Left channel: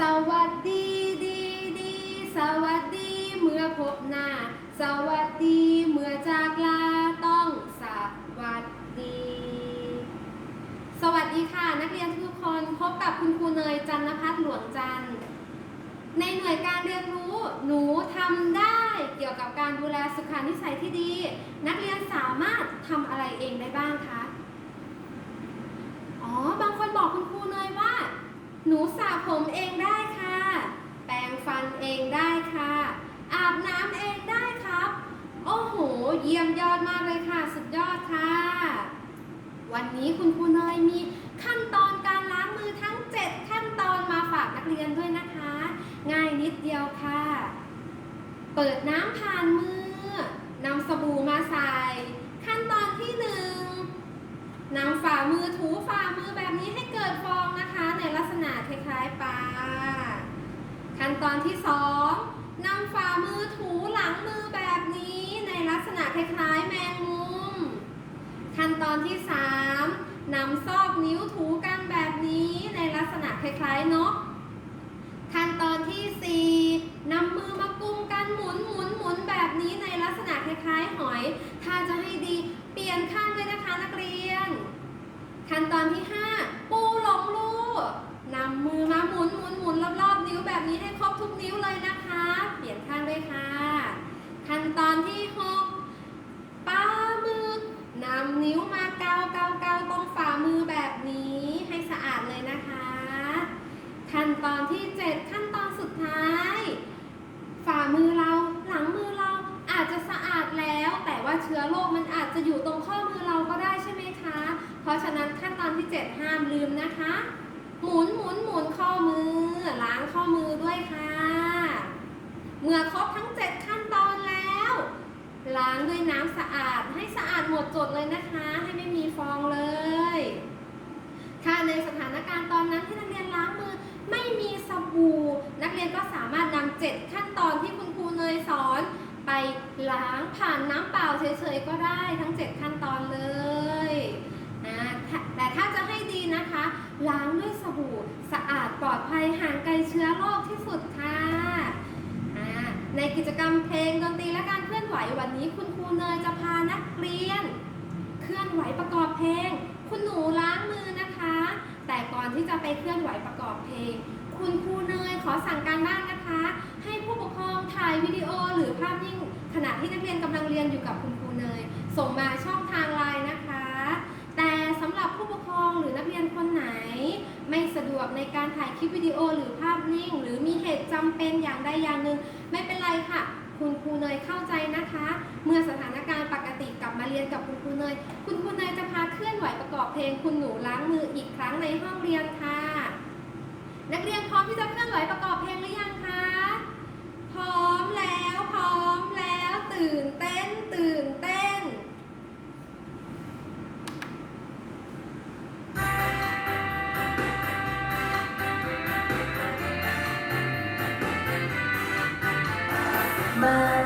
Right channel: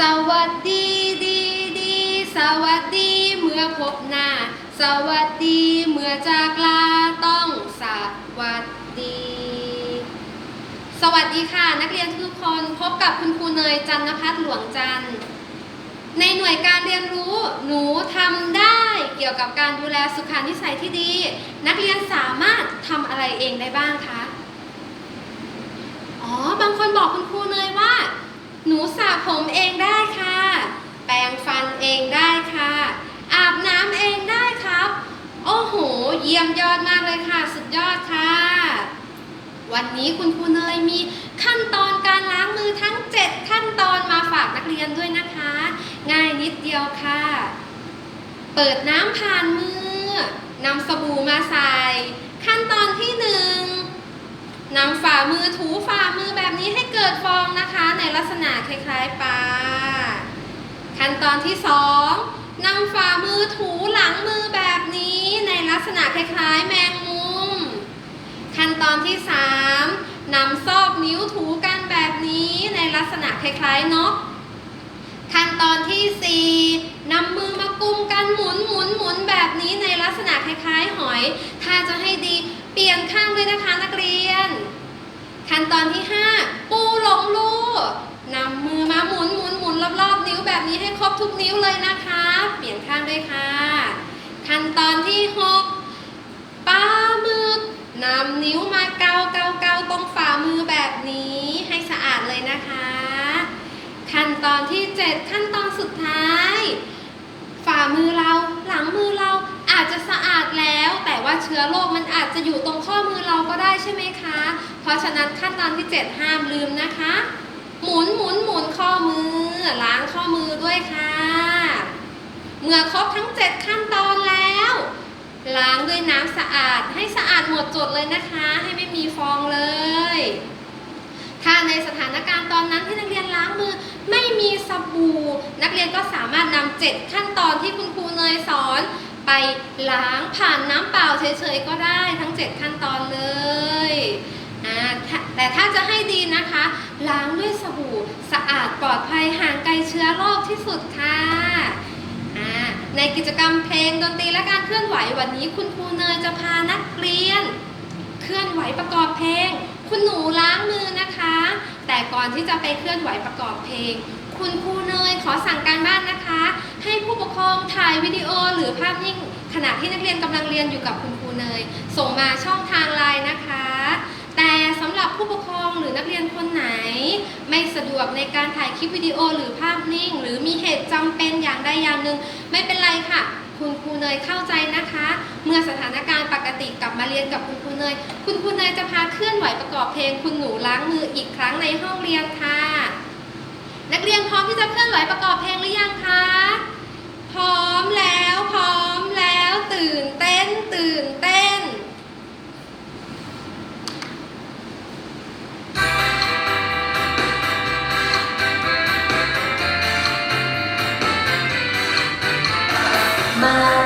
สวัสดีดีดี สวัสดีเมื่อพบหน้า สวัสดีเมื่อจากลาต้องสวัสดี สวัสดีค่ะ นักเรียนทุกคนพบกับคุณครูเนยจันทพัฒน์หลวงจันทร์ในหน่วยการเรียนรู้หนูทำได้เกี่ยวกับการดูแลสุขานิสัยที่ดี นักเรียนสามารถทำอะไรเองได้บ้างคะอ๋อบางคนบอกคุณครูเนยว่า หนูสระผมเองได้ค่ะ แปรงฟันเองได้ค่ะ อาบน้ำเองได้ครับ โอ้โห เยี่ยมยอดมากเลยค่ะ สุดยอดค่ะ วันนี้คุณครูเนยมีขั้นตอนการล้างมือทั้ง 7 ขั้นตอนมาฝากนักเรียนด้วยนะคะ ง่ายนิดเดียวค่ะ เปิดน้ำผ่านมือนำสบู่มาใส่ ขั้นตอนที่หนึ่งนำฝ่ามือถูฝ่ามือแบบนี้ให้เกิดฟองนะคะ ในลักษณะคล้ายๆปลาขั้นตอนที่สองนำฝ่ามือถูหลังมือแบบนี้ในลักษณะคล้ายๆแมงมุม ขั้นตอนที่สามนำซอกนิ้วถูกันแบบนี้ในลักษณะคล้ายๆนก ขั้นตอนที่สี่นำมือมากุมกันหมุนหมุนหมุนแบบนี้ในลักษณะคล้ายๆ หอย ถ้าจะให้ดีเปลี่ยนข้างด้วยนะคะนักเรียน ขั้นตอนที่ห้าปูหลงลูนำมือมาหมุนหมุนหมุนรอบๆนิ้วแบบนี้ให้ครบทุกนิ้วเลยนะคะ เปลี่ยนข้างด้วยค่ะ ขั้นตอนที่หก นำนิ้วมาเกาเกาเกาตรงฝ่ามือแบบนี้ให้สะอาดเลยนะคะ ขั้นตอนที่ 7 ขั้นตอนสุดท้าย ฝ่ามือเราหลังมือเราอาจจะสะอาดแล้ว แต่ว่าเชื้อโรคมันอาจจะอยู่ตรงข้อมือเราก็ได้ใช่ไหมคะ เพราะฉะนั้นขั้นตอนที่ 7 ห้ามลืมนะคะ หมุนหมุนหมุนข้อมือล้างข้อมือด้วยค่ะ เมื่อครบทั้ง 7 ขั้นตอนแล้ว ล้างด้วยน้ำสะอาดให้สะอาดหมดจดเลยนะคะ ให้ไม่มีฟองเลย ถ้าในสถานการณ์ตอนนั้นที่นักเรียนล้างมือไม่มีสบู่ นักเรียนก็สามารถนำเจ็ดขั้นตอนที่คุณครูเนยสอน ไปล้างผ่านน้ำเปล่าเฉยๆก็ได้ทั้ง 7 ขั้นตอนเลยแต่ถ้าจะให้ดีนะคะ ล้างด้วยสบู่ สะอาดปลอดภัยห่างไกลเชื้อโรคที่สุดค่ะ ในกิจกรรมเพลงดนตรีและการเคลื่อนไหววันนี้ คุณครูเนยจะพานักเรียน เคลื่อนไหวประกอบเพลง คุณหนูล้างมือนะคะ แต่ก่อนที่จะไปเคลื่อนไหวประกอบเพลง คุณครูเนยขอสั่งการบ้านนะคะ ให้ผู้ปกครองถ่ายวิดีโอหรือภาพนิ่งขณะที่นักเรียนกำลังเรียนอยู่กับคุณครูเนย ส่งมาช่องทางไลน์นะคะ แต่สำหรับผู้ปกครองหรือนักเรียนคนไหน ไม่สะดวกในการถ่ายคลิปวิดีโอหรือภาพนิ่ง หรือมีเหตุจำเป็น ได้อย่างหนึ่งไม่เป็นไรค่ะ คุณครูเนยเข้าใจนะคะ เมื่อสถานการณ์ปกติกลับมาเรียนกับคุณครูเนย คุณครูเนยจะพาเคลื่อนไหวประกอบเพลง คุณหนูล้างมืออีกครั้งในห้องเรียนค่ะ นักเรียนพร้อมที่จะเคลื่อนไหวประกอบเพลงหรือยังคะพร้อมแล้ว smile